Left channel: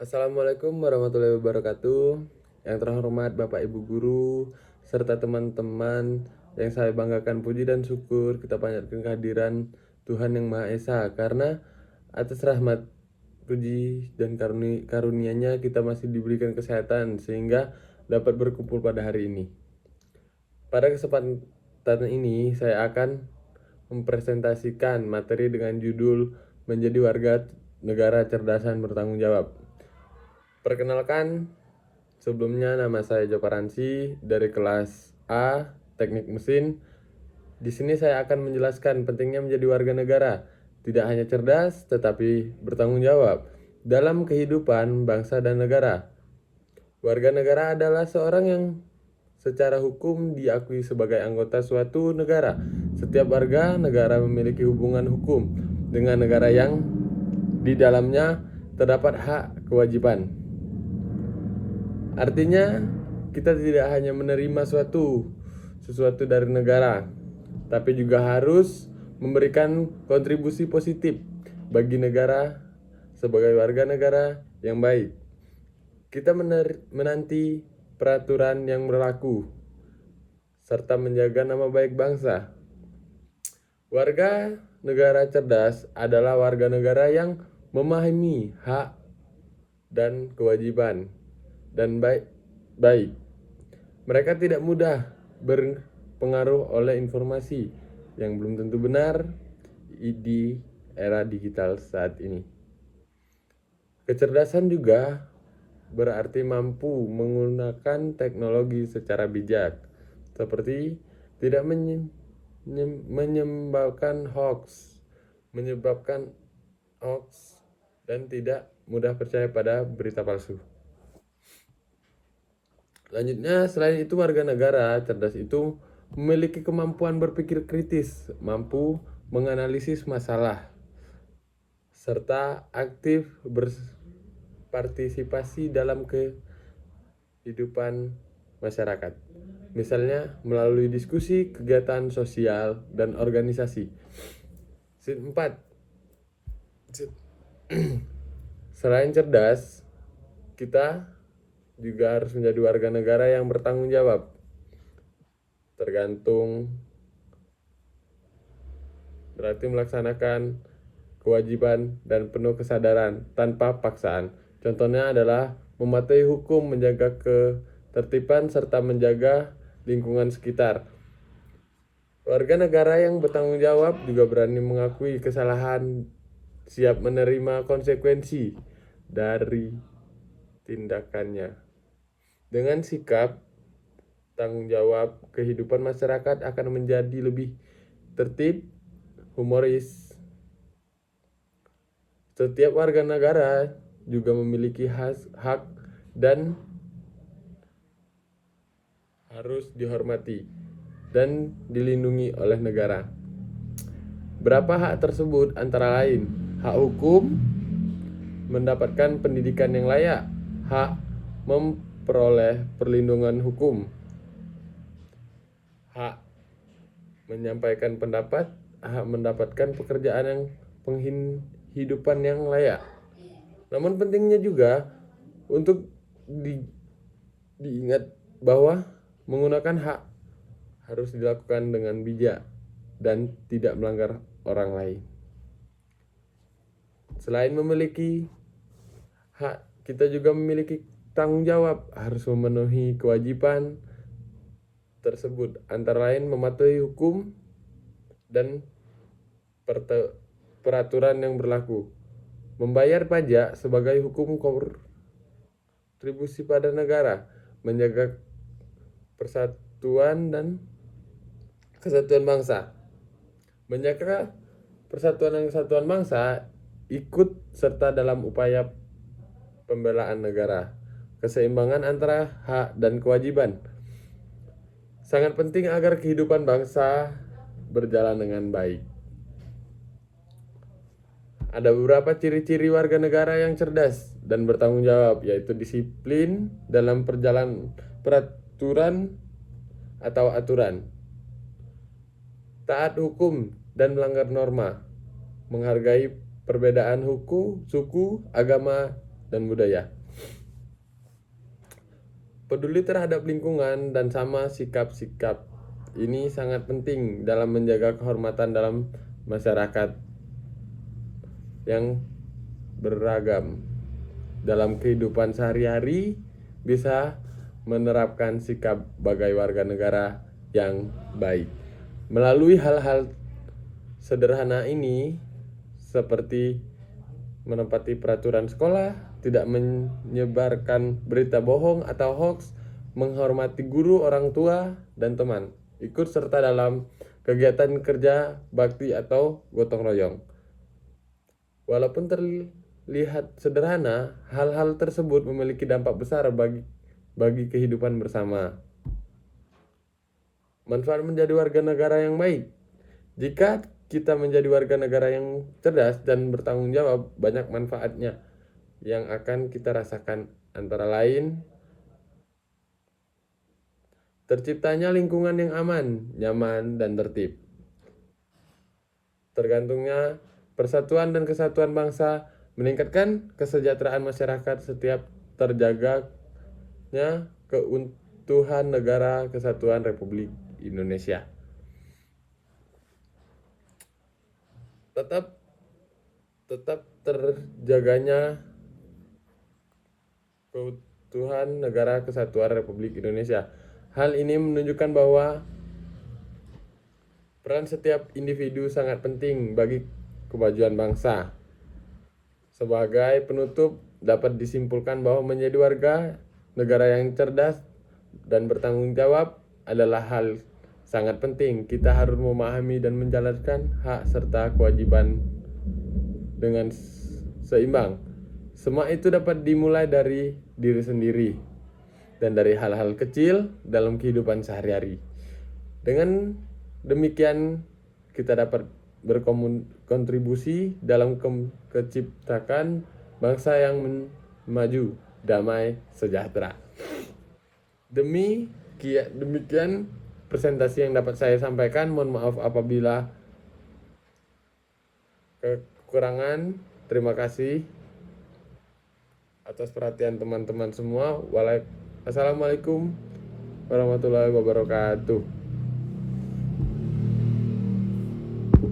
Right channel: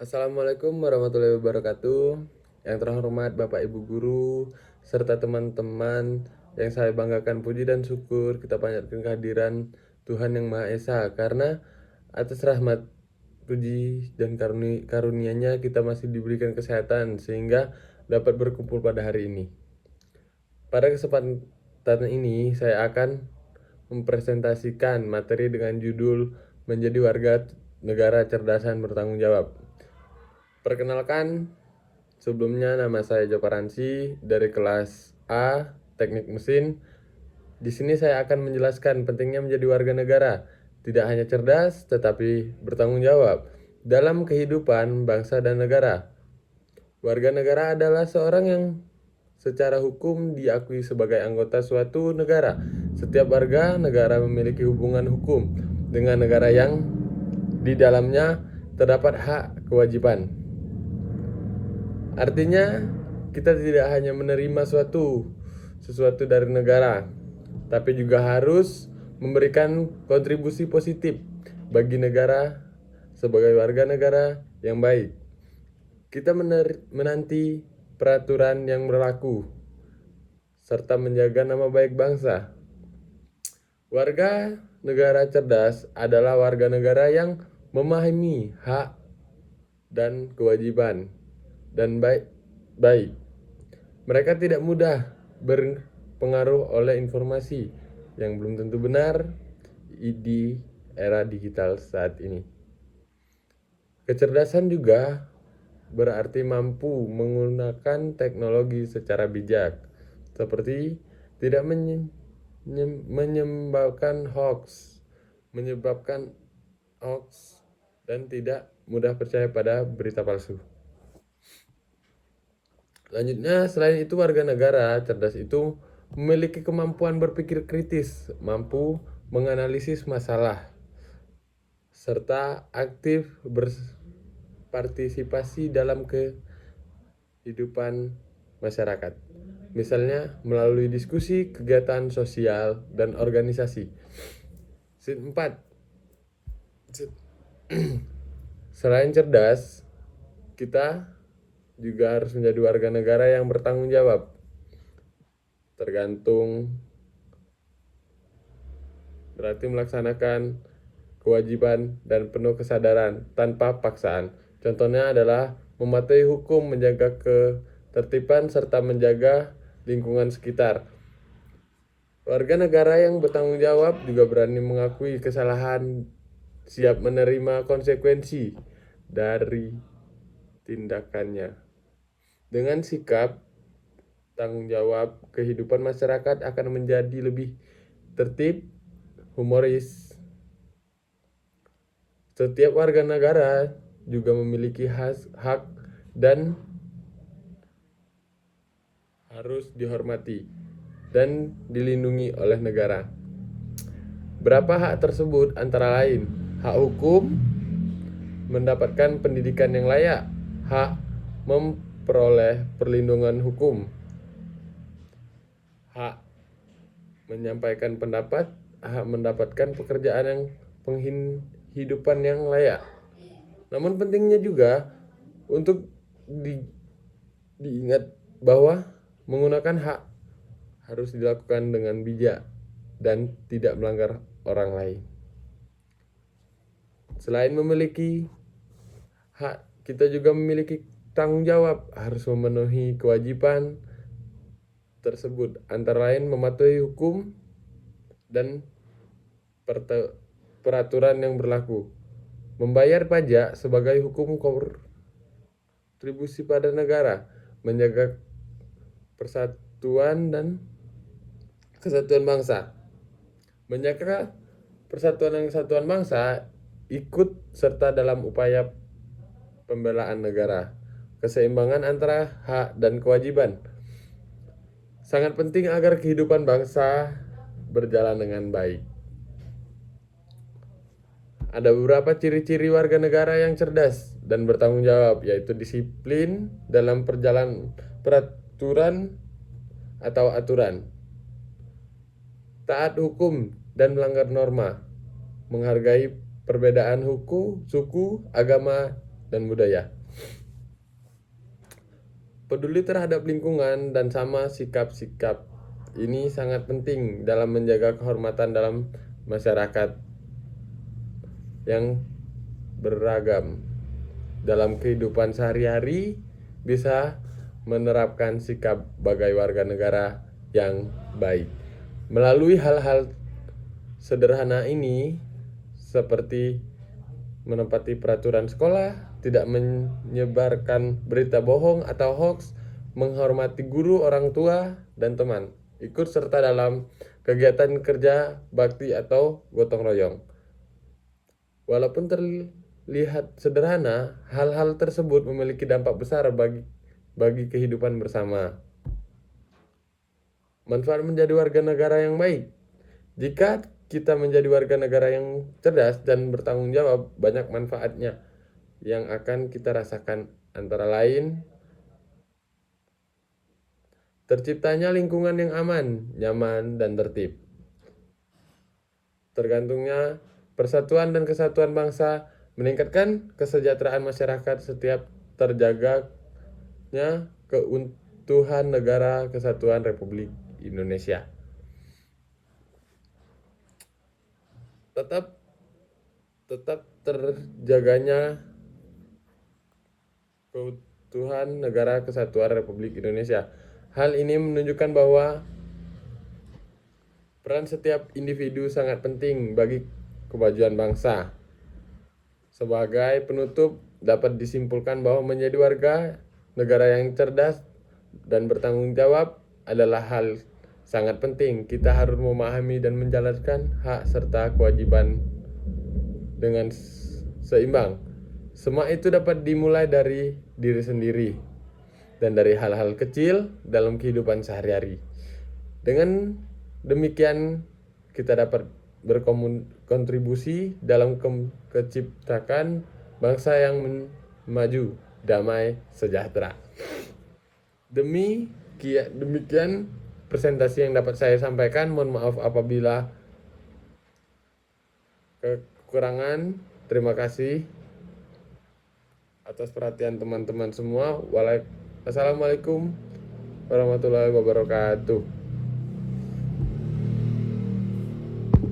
Assalamualaikum warahmatullahi wabarakatuh. Yang terhormat Bapak Ibu Guru, serta teman-teman yang saya banggakan, puji dan syukur kita panjatkan kehadiran Tuhan Yang Maha Esa. Karena atas rahmat, puji dan karunia-Nya kita masih diberikan kesehatan sehingga dapat berkumpul pada hari ini. Pada kesempatan ini saya akan mempresentasikan materi dengan judul Menjadi Warga Negara Cerdas dan Bertanggung Jawab. Perkenalkan, sebelumnya nama saya Joko Ransi dari kelas A Teknik Mesin. Di sini saya akan menjelaskan pentingnya menjadi warga negara, tidak hanya cerdas tetapi bertanggung jawab dalam kehidupan bangsa dan negara. Warga negara adalah seorang yang secara hukum diakui sebagai anggota suatu negara. Setiap warga negara memiliki hubungan hukum dengan negara yang di dalamnya terdapat hak kewajiban. Artinya, kita tidak hanya menerima sesuatu dari negara, tapi juga harus memberikan kontribusi positif bagi negara sebagai warga negara yang baik. Kita menanti peraturan yang berlaku serta menjaga nama baik bangsa. Warga negara cerdas adalah warga negara yang memahami hak dan kewajiban dan baik. Mereka tidak mudah berpengaruh oleh informasi yang belum tentu benar di era digital saat ini. Kecerdasan juga berarti mampu menggunakan teknologi secara bijak, seperti tidak menyebabkan hoax dan tidak mudah percaya pada berita palsu. Selanjutnya, selain itu warga negara cerdas itu memiliki kemampuan berpikir kritis, mampu menganalisis masalah, serta aktif berpartisipasi dalam kehidupan masyarakat. Misalnya melalui diskusi, kegiatan sosial, dan organisasi. 4. Selain cerdas, kita juga harus menjadi warga negara yang bertanggung jawab. Berarti melaksanakan kewajiban dan penuh kesadaran tanpa paksaan. Contohnya adalah mematuhi hukum, menjaga ketertiban, serta menjaga lingkungan sekitar. Warga negara yang bertanggung jawab juga berani mengakui kesalahan, siap menerima konsekuensi dari tindakannya. Dengan sikap tanggung jawab, kehidupan masyarakat akan menjadi lebih tertib, humoris. Setiap warga negara juga memiliki hak dan harus dihormati dan dilindungi oleh negara. Berapa hak tersebut antara lain hak hukum, mendapatkan pendidikan yang layak, hak memperoleh perlindungan hukum, hak menyampaikan pendapat, hak mendapatkan pekerjaan yang penghidupan yang layak. Namun pentingnya juga untuk diingat bahwa menggunakan hak harus dilakukan dengan bijak dan tidak melanggar orang lain. Selain memiliki hak, kita juga memiliki tanggung jawab, harus memenuhi kewajiban tersebut, antara lain mematuhi hukum dan peraturan yang berlaku, membayar pajak sebagai hukum kontribusi pada negara, menjaga persatuan dan kesatuan bangsa. Menjaga persatuan dan kesatuan bangsa ikut serta dalam upaya pembelaan negara. Keseimbangan antara hak dan kewajiban sangat penting agar kehidupan bangsa berjalan dengan baik. Ada beberapa ciri-ciri warga negara yang cerdas dan bertanggung jawab, yaitu disiplin dalam peraturan atau aturan, taat hukum dan melanggar norma, menghargai perbedaan suku, agama, dan budaya. Peduli terhadap lingkungan dan sama sikap-sikap ini sangat penting dalam menjaga kehormatan dalam masyarakat yang beragam. Dalam kehidupan sehari-hari bisa menerapkan sikap sebagai warga negara yang baik. Melalui hal-hal sederhana ini seperti menepati peraturan sekolah, tidak menyebarkan berita bohong atau hoax, menghormati guru, orang tua, dan teman, ikut serta dalam kegiatan kerja bakti atau gotong royong. Walaupun terlihat sederhana, hal-hal tersebut memiliki dampak besar bagi kehidupan bersama. Manfaat menjadi warga negara yang baik. Jika kita menjadi warga negara yang cerdas dan bertanggung jawab, banyak manfaatnya yang akan kita rasakan, antara lain terciptanya lingkungan yang aman, nyaman, dan tertib. Tergantungnya persatuan dan kesatuan bangsa, meningkatkan kesejahteraan masyarakat setiap terjaganya keutuhan negara kesatuan Republik Indonesia. Tetap terjaganya keutuhan negara kesatuan Republik Indonesia. Hal ini menunjukkan bahwa peran setiap individu sangat penting bagi kemajuan bangsa. Sebagai penutup, dapat disimpulkan bahwa menjadi warga negara yang cerdas dan bertanggung jawab adalah hal sangat penting. Kita harus memahami dan menjalankan hak serta kewajiban dengan seimbang. Semua itu dapat dimulai dari diri sendiri dan dari hal-hal kecil dalam kehidupan sehari-hari. Dengan demikian kita dapat berkontribusi dalam menciptakan bangsa yang maju, damai, sejahtera. Demikian presentasi yang dapat saya sampaikan. Mohon maaf apabila kekurangan. Terima kasih atas perhatian teman-teman semua. Assalamualaikum warahmatullahi wabarakatuh.